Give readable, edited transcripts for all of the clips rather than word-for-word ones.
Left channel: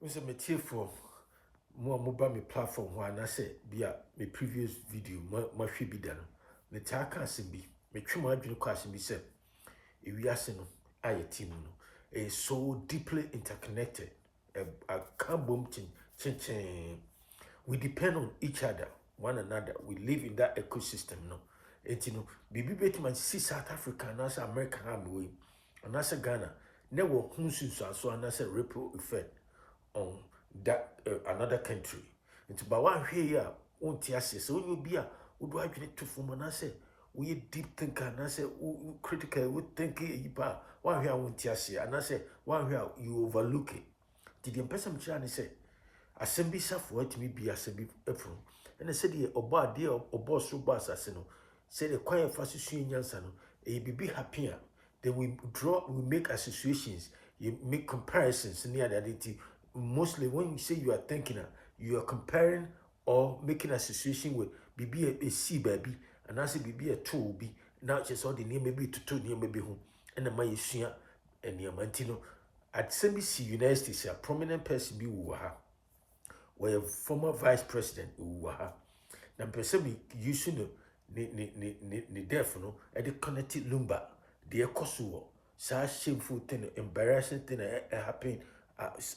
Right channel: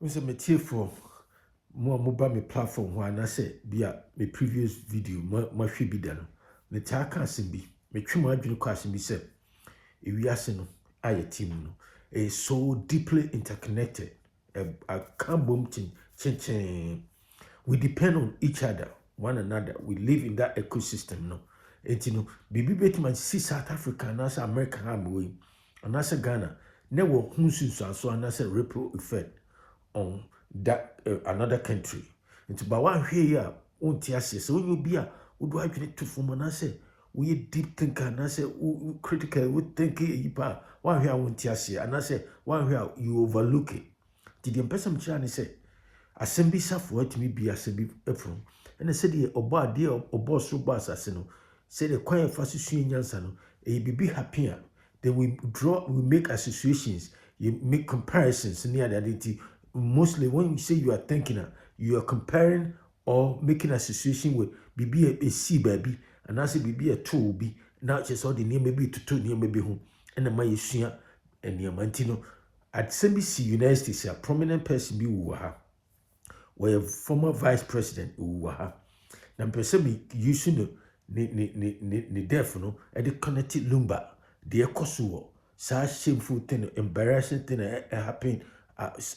We say me for more mobile me platform when I say be a me previous video my should be done. Me taka simbi me twuma adwene kwa simbi say ewiase no aye team no is so deeply interconnected. I can't boom chin. We depend on each other, one another. We live in that ecosystem no. And you know, bibi betman see South Africa and as America have way. And as Ghana, never hunsu so and as a ripple effect on that another country. Into bawa here untiasi. So when you be a would I get to form and I say we deep thinker and I say critical would think yipa one here untiasi and I say one here you overlook it. Did the person chani say assemby safo atimi bi assemby efro and I said the oba de obo so ba asase no say the kwan fa susu nyansa no e bibi happy then we make associations, you make comparisons near the identity. Mostly when you say you are thinking, you are comparing or making association with BB a C baby, and I say BB a two be now just all the name maybe to two near maybe home, and the my share and near Mantino at CBC United States, a prominent person be where former vice president uwaha. Na mpese me using the death no e de connected Lumba de ekoso sa shameful thing, embarrassing thing happen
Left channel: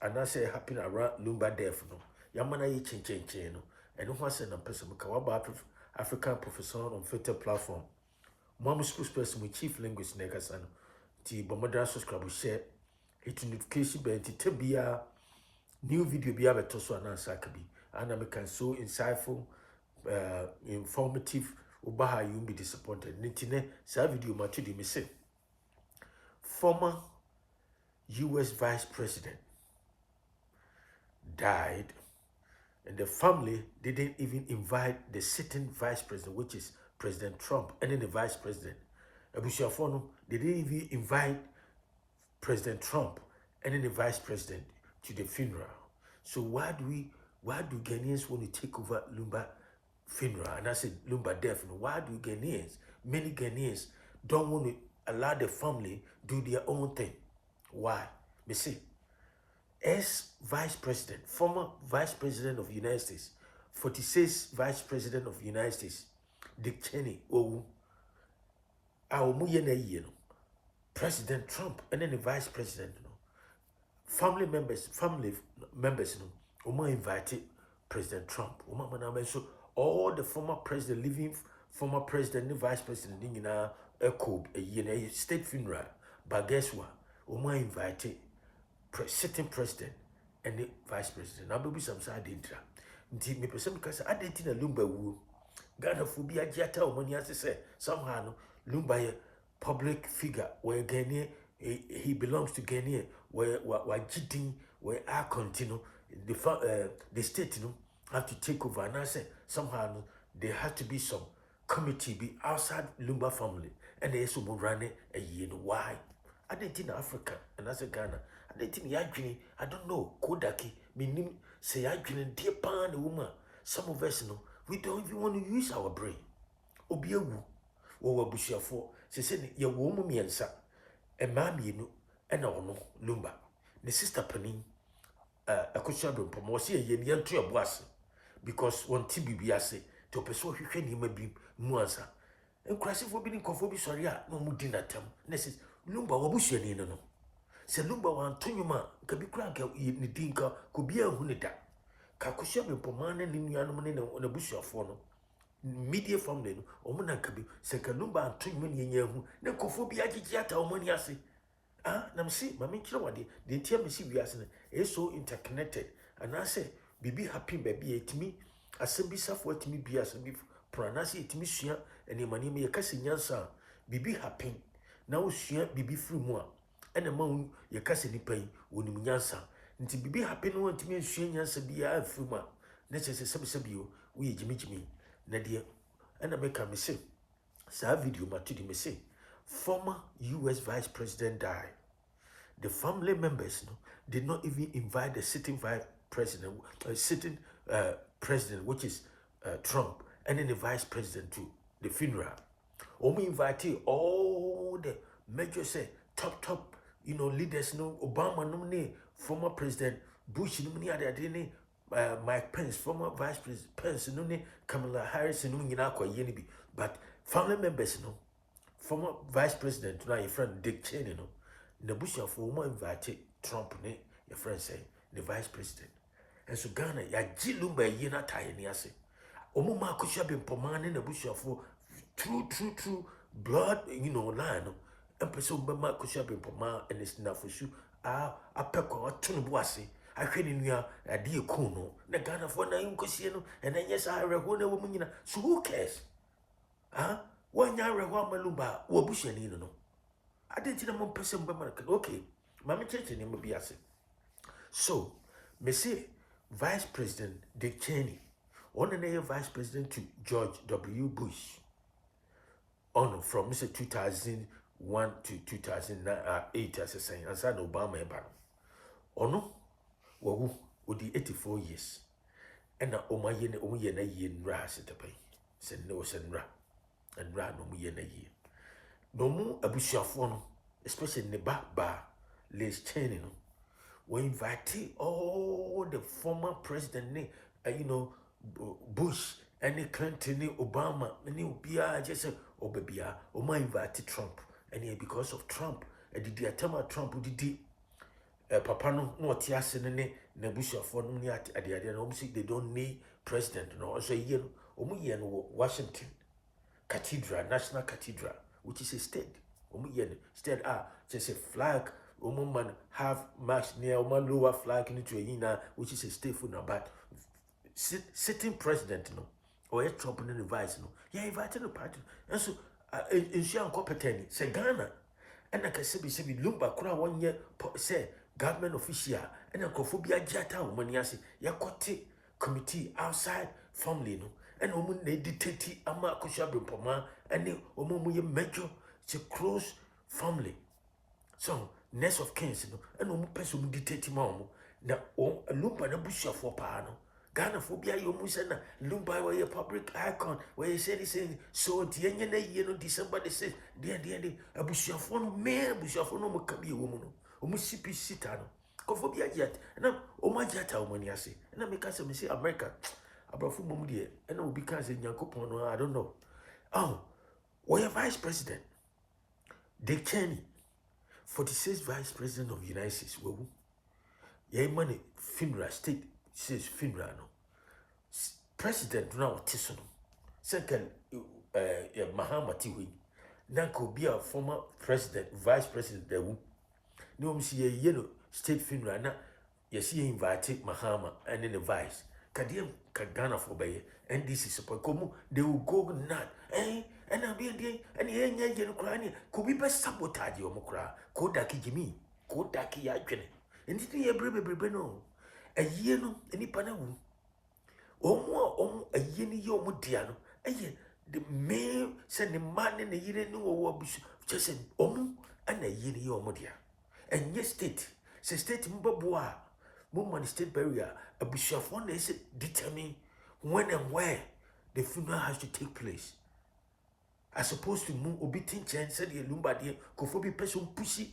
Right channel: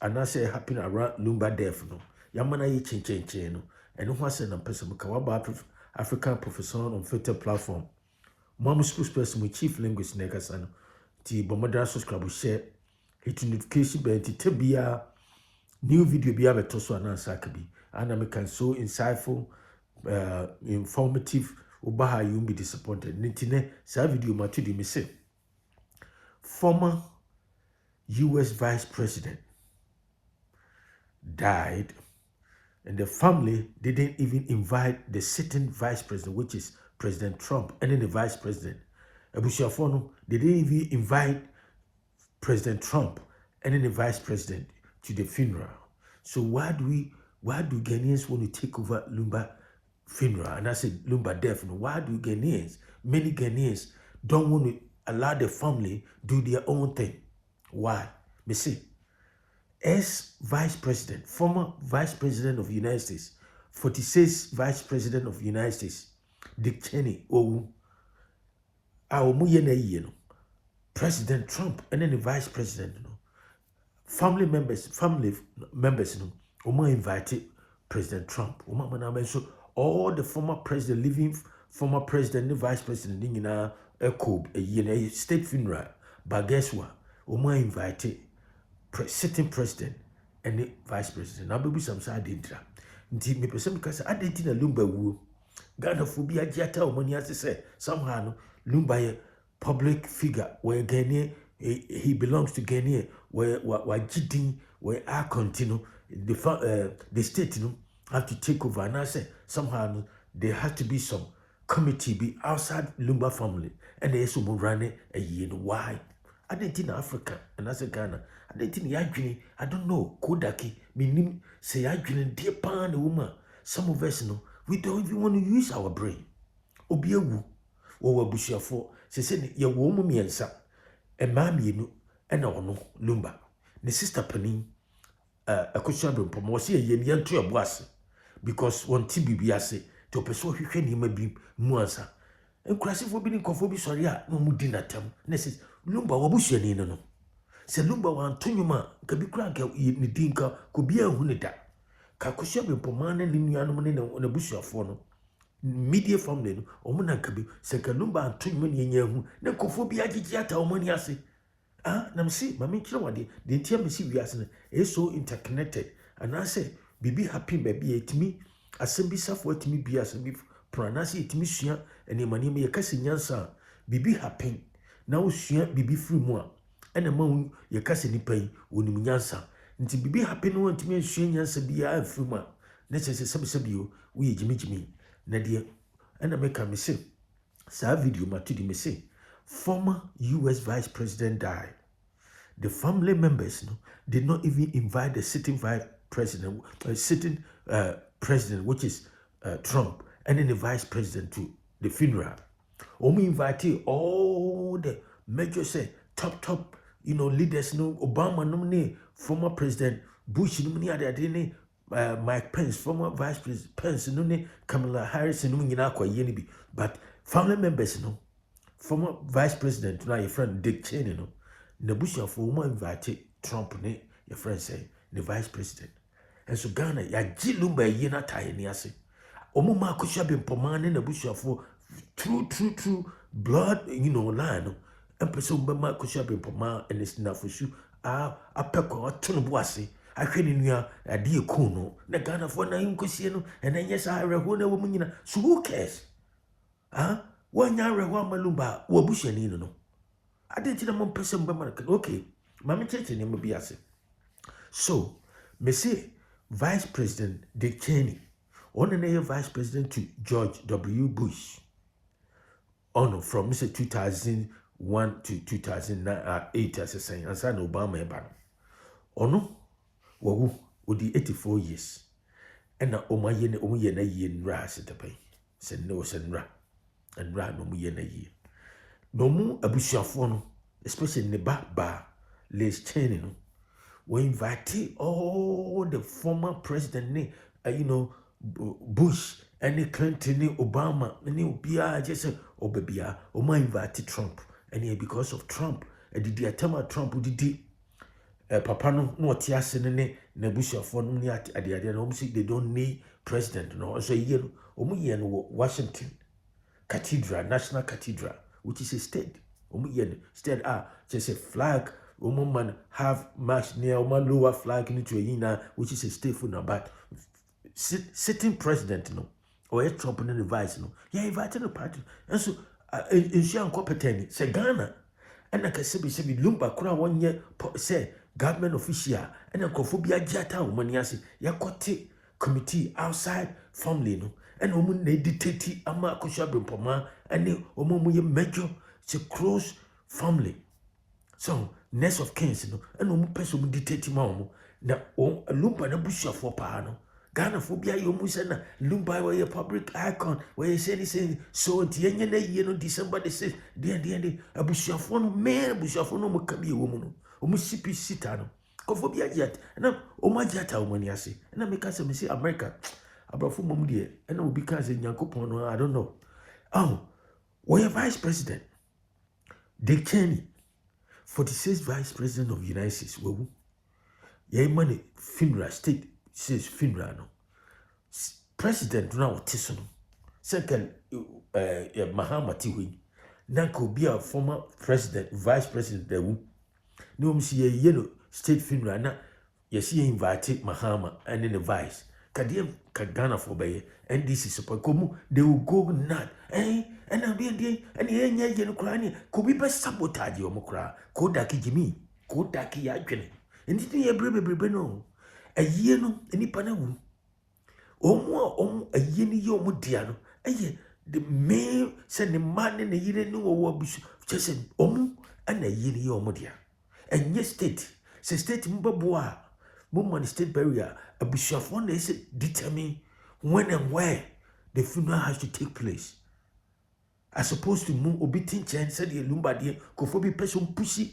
and I say happen around Lumba death no yamana ye chen no and who say na mpese me ka waba African professor on Twitter platform mom spokesperson with chief linguist nekasa no ti bomodra subscribe share hit notification bell ti tabia new video be able to so anansa kabi and I can so insightful informative ubaha you be disappointed nitine sa video matudi me say former US vice president died and the family didn't even invite the sitting vice president, which is President Trump, and then the vice president Abusiafono, they didn't even invite President Trump and then the vice president to the funeral. So why do Ghanaians want to take over Lumba funeral? And I said Lumba death. Why do many Ghanaians don't want to allow the family do their own thing? Why? Me see, vice president, former vice president of the United States, 46th vice president of the United States, Dick Cheney, President Trump, and then the vice president, family members, invited President Trump. So all the former president, living former president, the vice president, a state funeral. But guess what? Invited sitting president and the vice president. Now baby some side didra. Nti me person because I didn't na Lumba wu. Ghana phobia jiata o money as say somehow no Lumba a public figure where Ghanaian he belongs to Ghanaian where Jidin where I continue the state have to take over and I say somehow there has to be some committee be outside Lumba family and there's some running a year. Why? I didn't in Africa and as a Ghana. I didn't think Yagini, I don't know, Kodaki, meaning say Yagini, dear pan, woman. Some of us know we don't even want to use our brain. Obiawu, or Bushia for, she said, your woman me and sa, and mammy, and no, Lumba. The sister Penny, a cushion promotion, yen to a boss, because one TBBase to persuade him may be Muansa. And crashing for being conforming, sorry, no mudina term, Nessus, Lumba, Wabushia, no. Se Lumba wa Antonyuma kabi kranka ni dinka ko bia hunu da ka kohye be pomane ni nuanom ne na busuafo no media family no omo na kabi se ka Lumba Antonyuma ni enya hu na kofo bia gigi ata omo ni ase na msi mama kire wade de ntia msi wiase no is so interconnected and I say bibi happy baby etimi asembi safo etimi bia asembi pranasi etimi sua ene mani me yakase nyansa bibi happy na usua bibi free mu a ene ma ye kase nipa yi onim nyansa nti bibi happy no ntimi nsua nyansa bia afuma na chese sebisebio wo ye jimijimi na de ena meka me se sa video matudi me se former US vice president died. The family members did not even invite the sitting vice president, president, which is Trump, and then the vice president to the funeral. We invited all the major top leaders, Obama nominee, former president Bush no ni ade ne Mike Pence, former Vice President Pence no ne Kamala Harris no nyina akwaye ni bi, but family members no former Vice President na your friend Dick Cheney no na bushafo mo invite Trump ne your friend say the Vice President. And so Ghana ya ji Lumba ye na taye ni ase. Omo ma akosua be mpoma ne na bushafo true blood, line no. Empese omba ma akosua be mpoma and it's na fosu apekwa atono bo ase. Ahwe ni nua ade eku no na Ghana for na nkosie no and then yes areho na wo nyina. So who cares? Wanya areho amalumba wo bushani no. I didn't know one person, okay. Mammy Church name be ase. So, me say Vice President Dick Cheney, on the Vice President to George W. Bush, from Mr. 2001 to 2008 as a saying, and San Obama ban. Wawu odi 84 years. And na omuye na yen ra setapai. Sen no sen ra. And ra no muye na ye. No mu abusuafo no, especially ne ba Les Cheney no, we invite all the former president Bush and Clinton Obama and Obia just Obabia or my invite Trump and because of Trump and the attempt Trump did papa no tiase ne abusuafo no ni ade no they don't need president no so no Washington Cathedral, National Cathedral, which is a state. State just a flag. Man have march near lower flag into a which is a state for now. But sitting president no or a Trump and the vice no. Yeah, invited the party. And so in Shan Copeteni, say Ghana, and I can say Lumba Kura 1 year say government official and a Kophobia Jata Maniasi, Yakote committee outside family no. And woman they dictate ama kushabim poma and the omomuye major it's a close family. So next of kings no and omu person dictate mamu na Lumba na busha for pano. Ghana phobia yomu na Lumba were a public icon where you say so tienya December the 6th the abusha for no man busha for no mukabi woman omu sipi sitano. Kophobia jet and omajata omaniasi and I make us say America. Abrafu Mumdi, and I will be cousin Yankopon, I don't know. We're Vice President Dick Cheney, 46th Vice President of the United States. Ye money FINRA state says FINRA no. President now Tisson. Second Mahama Tiwi. Nanko be a former president, vice president there. No see a yellow state FINRA na yes he invited Mahama and then the vice. Kadiem Ghana for bay NDC support komu they will go nut and I'm being and the crying could be best sabotage your mukra kodaki Jimmy kodaki yagene and it be a brebe no a year no any panawu a yeni yo mudiano a ye the male send the man in a year no or just said and a yeni yo mudia and yes state say state mbaboa Woman state barrier, a bishop one day said determine when and where the funeral has to take place. As opposed to move obiting chen said the Lumba dear, Kofobi person pussy,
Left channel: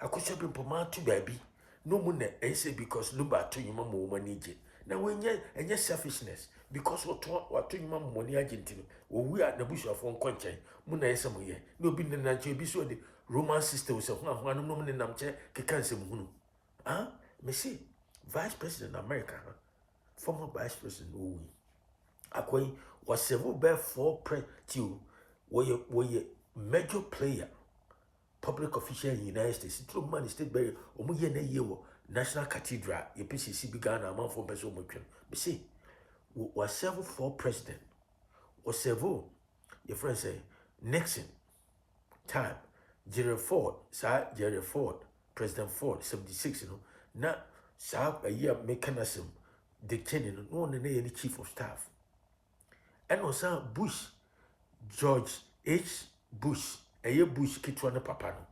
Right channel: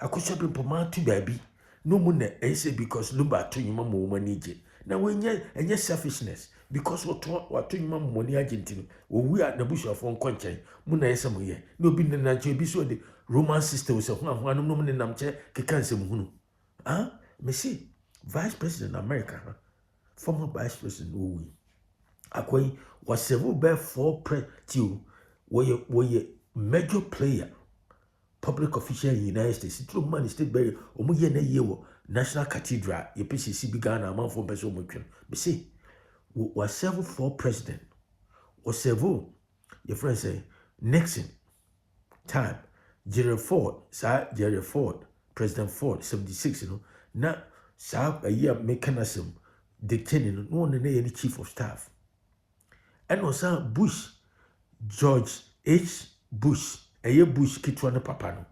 I could shop in Poma to baby. No moon I say because Lumba to your mamma woman need. Now when and your selfishness, because what to your mamma money Argentine, or we are the bush of one country, Muna somewhere, no being the natural be so the Roman sister was a one woman in Namche, Kikan Munu. Me see. Vice President America, former Vice President Owi. Akoi was several bear for pre-till were a major player, public official in the United States. Through money state barrier, Omuye na yewo National Cathedral, ye PCC began a month for person motion. But see, was several for president, or several, your friend say, Nixon, time, Gerald Ford, Sir Gerald Ford, President Ford, 76, now. A year mechanism, Dick Cheney, no one any chief of staff. And also Bush, George H. Bush, a year Bush Kitwana Papano.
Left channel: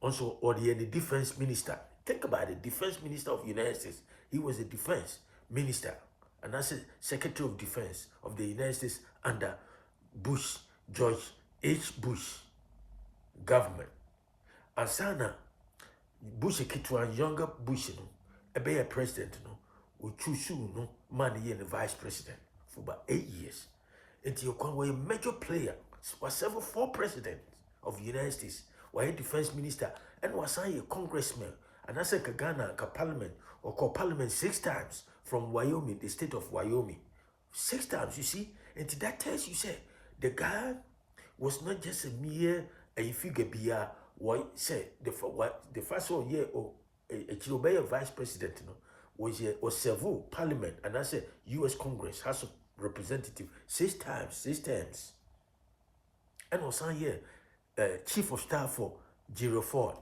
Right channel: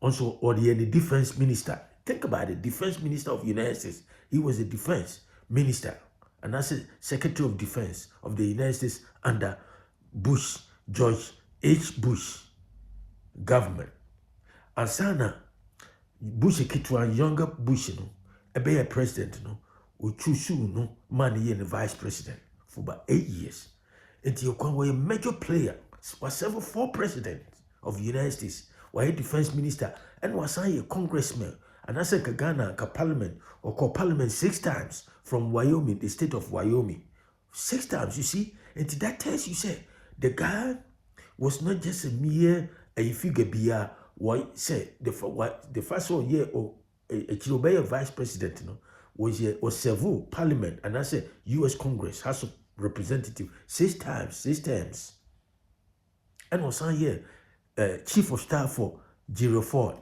Also, or the defense minister. Think about it, defense minister of the United States. He was a defense minister, and as a secretary of defense of the United States under Bush, George H. Bush government. And Sana Bush Kitwan, younger Bush, be a president no o choose no man ye the vice president for about 8 years. And you can be a major player. Was several 4 presidents of the United States. Why a defense minister and was a congressman. And I said Ghana parliament or call parliament 6 times from Wyoming, the state of Wyoming. 6 times, you see. And that tells you say the guy was not just a mere a figure beer. Why say the first 1 year or a vice president was several parliament and I said US Congress House of Representative 6 times, 6 times. And was on here chief of staff for Gerald Ford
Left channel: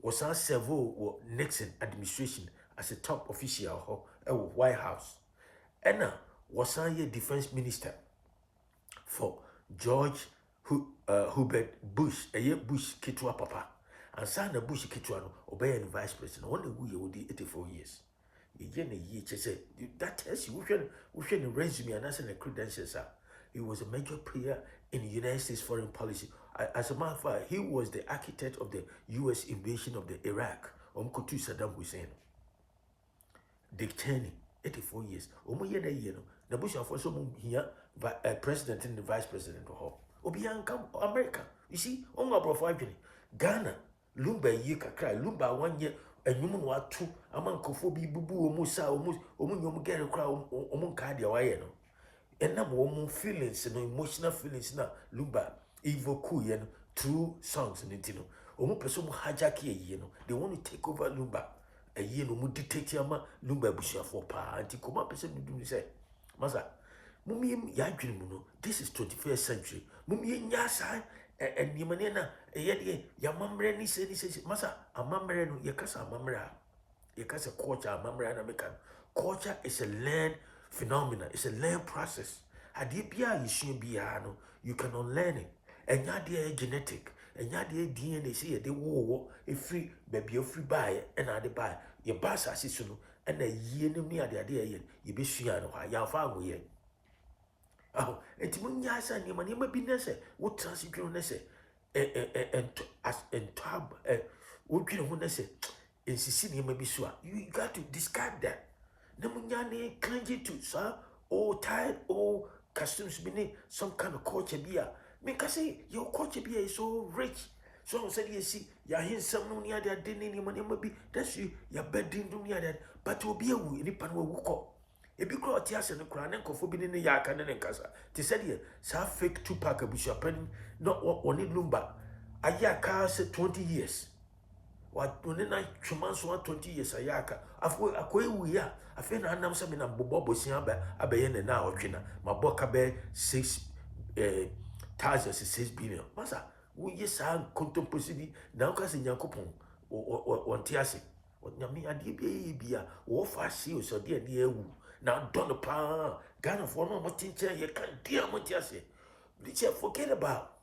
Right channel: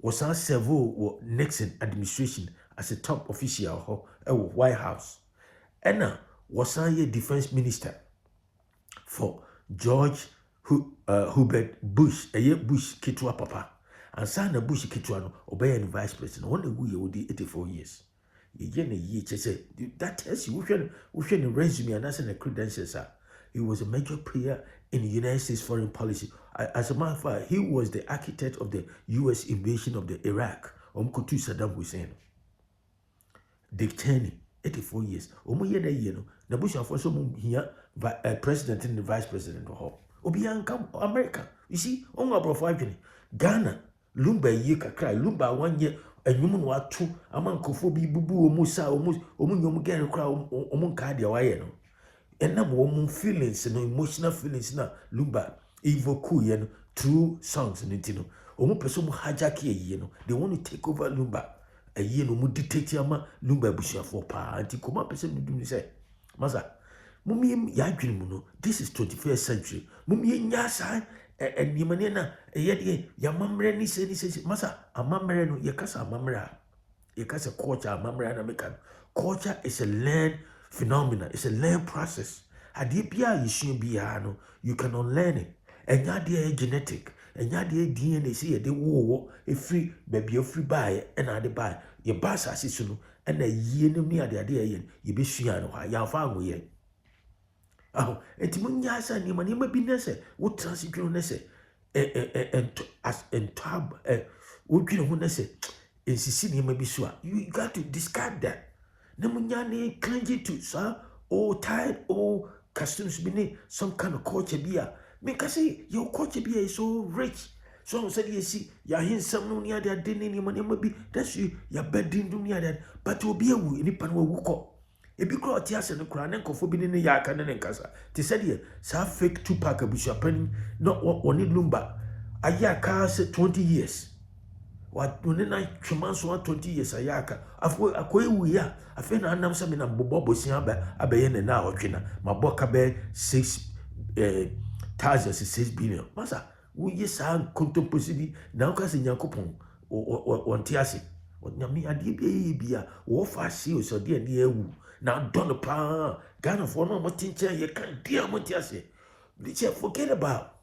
was on several Nixon administration as a top official at White House. And now was on here defense minister for George Hubert Bush, a year Bush Kitwa Papa. And son of Bush Kitwa obey the vice president. Only we would 84 years. That tells you we can resume and that's the credentials. He was a major player in the United States foreign policy. As a matter of fact, he was the architect of the U.S. invasion of the Iraq. Kutu Saddam Hussein. Dick Cheney, 84 years. The Bush of also here president and the vice president of Obianka America. You see, on our profile, Ghana, Lumba ye cry, Lumba 1 year. And you know two among Kofobi Bubu Musa Omun get crowd Omun Cardia Wayano. And number one feelings and emotional feelings na Lumba evoke through songs and intino. Omu person hajaki they want to take over Lumba. A year no mu dictate yama Lumba Bushia for pa anti come person do say. Maza Mummy Yagrimuno, this is 21st century. Mummy Yasa and Yamanena, yet Yamamre ni says, Massa, a mamreno, Yakasa mamra. Yakasa culture, mamra American. Culture is a learned phenomenon, it's a learned process. Adipia, you shouldn't be no, you can unlearn it. And your dear genetic, and your dear DNA, see, they war, a free baby, a free buy, and I buy your bass assistant, and a year near the idea, you be shiano, ya found we. Oh, and Timunyasa, Nimanima Binese, what transition nesse, and as and tab, what you know, nesse, in Sicily, maybe sure. You got to discard that. Namunyane cling to, sir, or tired, or customs beneath some kind of culture beer. Because say your culture beer is so rich. So said you see, you're in some no near that dinner, maybe that's you, your bed didn't near that, but will be a woo in Ipan will if you grow tears and the crown and coffee in the yak and then casa, they said here, so fake 2-pack of bishop penny, not one in Lumba. A yaka said 20 years. What when I 20 years a yaka? I've we are. I feel I know something I'm Bobo Siamba, a bayan and now, China, my boca bear 6 billion. Massa, we yes, I'm contemplating now, cousin Yakupon or Tiasi. What Yami Adibia, or fast seals or dear near woo. Now, don't pa Ghana for no more teacher, you can't dear Montiasi. Did you forget about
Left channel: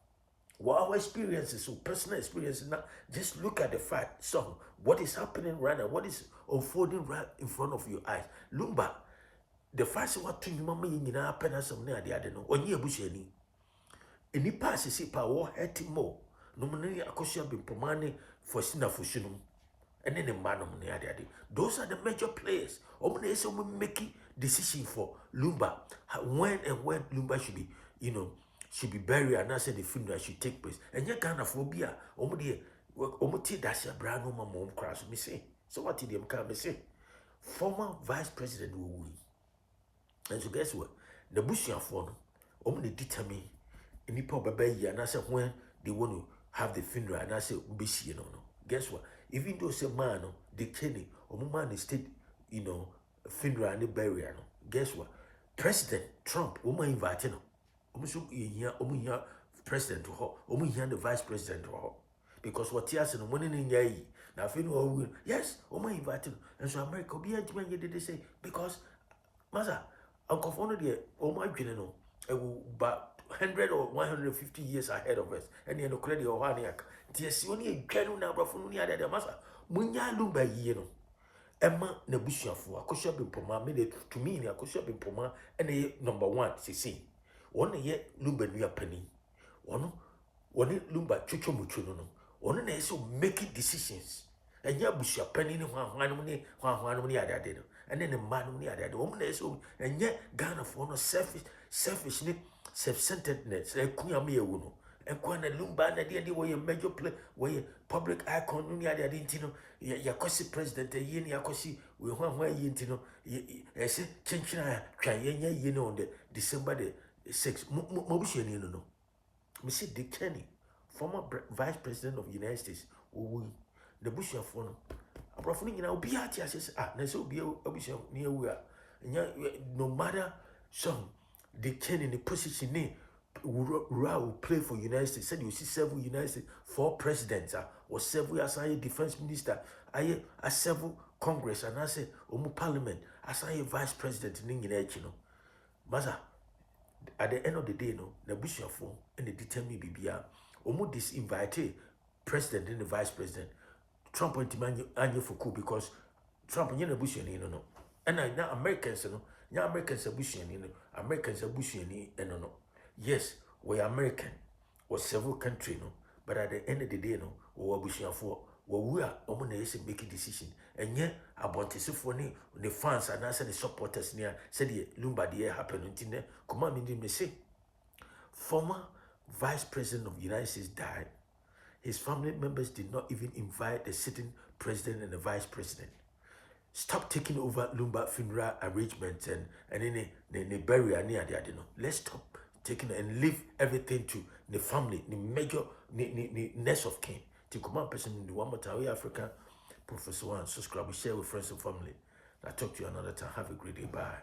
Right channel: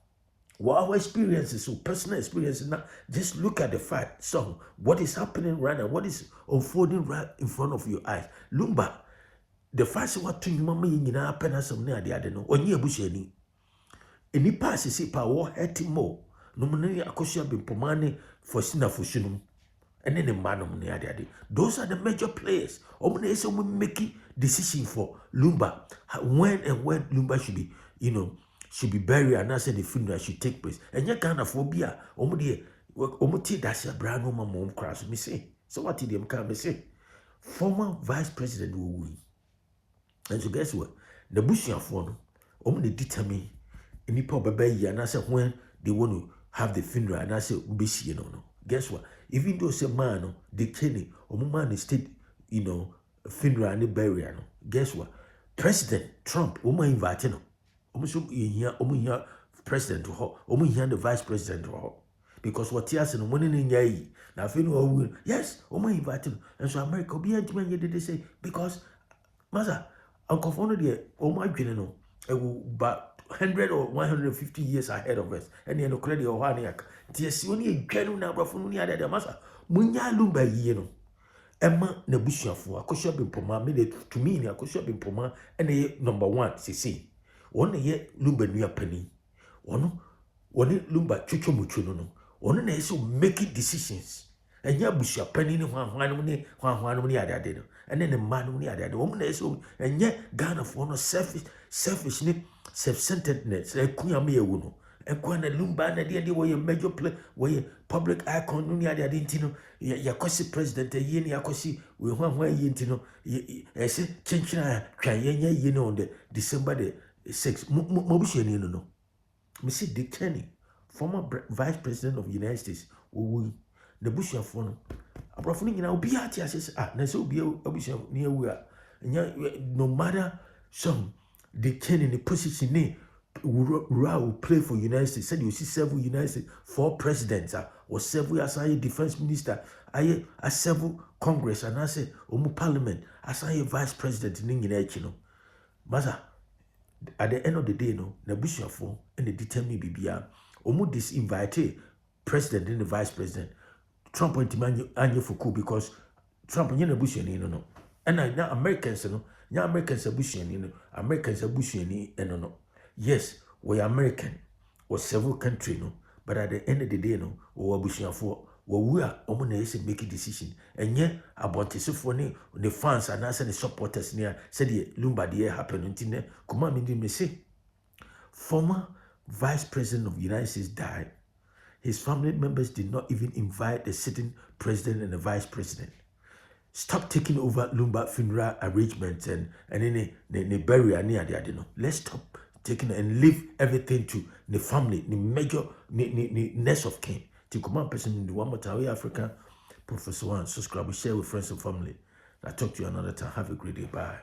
what our experiences, so personal experiences now? Just look at the fact. So, what is happening right now? What is unfolding right in front of your eyes? Lumba, the first what to you, mamma, in our penance near the other, no, or near Busheni. Any pass is a war hurting more. No money, a caution been pomani for sinner for shinum. And then the man of the those are the major players. Omunese will make decision for Lumba when and when Lumba should be, should be buried and I said the funeral should take place. And you can't phobia. Omuti that's a brand new mom crash. Me say. So what did them come say? Former vice president will win. And so guess what? The Bushian phone, Omuni determine any poor baby and I said when they want to have the funeral and I said Ubishi no. Guess what? Even though say man, the Kenny, or man state, funeral and burial. Guess what? President Trump, invite no. Here, president to her, here the vice president to her. Because what he has in the morning in Yai, now funeral, yes, invite no. And so America be did they say, because, Master, Uncle Fono dear, general, but 100 or 150 years ahead of us. And you know, credit or Haniak. Tis only a general number of Munia de Massa. Munya Lumba, Emma Nebusia for a cushion in Poma made it to me in a cushion in Poma and a number 1, CC. 1 year Lumba near penny. One Lumba Chucho Muchuno. One is making decisions. And ya busha penny ni hwan ni ade no. And then the man ni ade. Woman is so and yet Ghana for no selfish ni self-centeredness. Kunya me ewu no. And kwana Lumba na dia where major play where public icon no ni ade ntino ya kwasi president ye ni akwasi we hwan ye ntino say chinchina twan ye no on the December the 6th mo busha ni no. Me see Dick Cheney, former vice president of the United States, the Bush of one. Abrafuni, you know, be at yes, na so be a bush near where. No matter some Dick Cheney in the position, will play for United States. Said you see several United States, 4 presidents, or several as I defense minister, I several Congress, and I say, Parliament, as I vice president in England, you know. Maza. At the end of the day, no, the Bushafo and the determine BBR, almost disinvite president and the vice president. Trump went to Anya Fuku because Trump and the Bush and no. And now Americans, no, now Americans are Bush and Americans are Bush and no. Yes, we are American or several countries, no, but at the end of the day, no, or Bushafo. We are almost making decision, and yet about this for the fans and also the supporters near said the Lumba the happened until Kumami didn't say. Former Vice President of the United States died. His family members did not even invite the sitting president and the vice president. Stop taking over Lumba funeral arrangements and then the burial near the adeno. Let's stop taking and leave everything to the family, the major, the next of kin. To command person in the one more time, Africa, Professor One, subscribe, share with friends and family. I'll talk to you another time. Have a great day. Bye.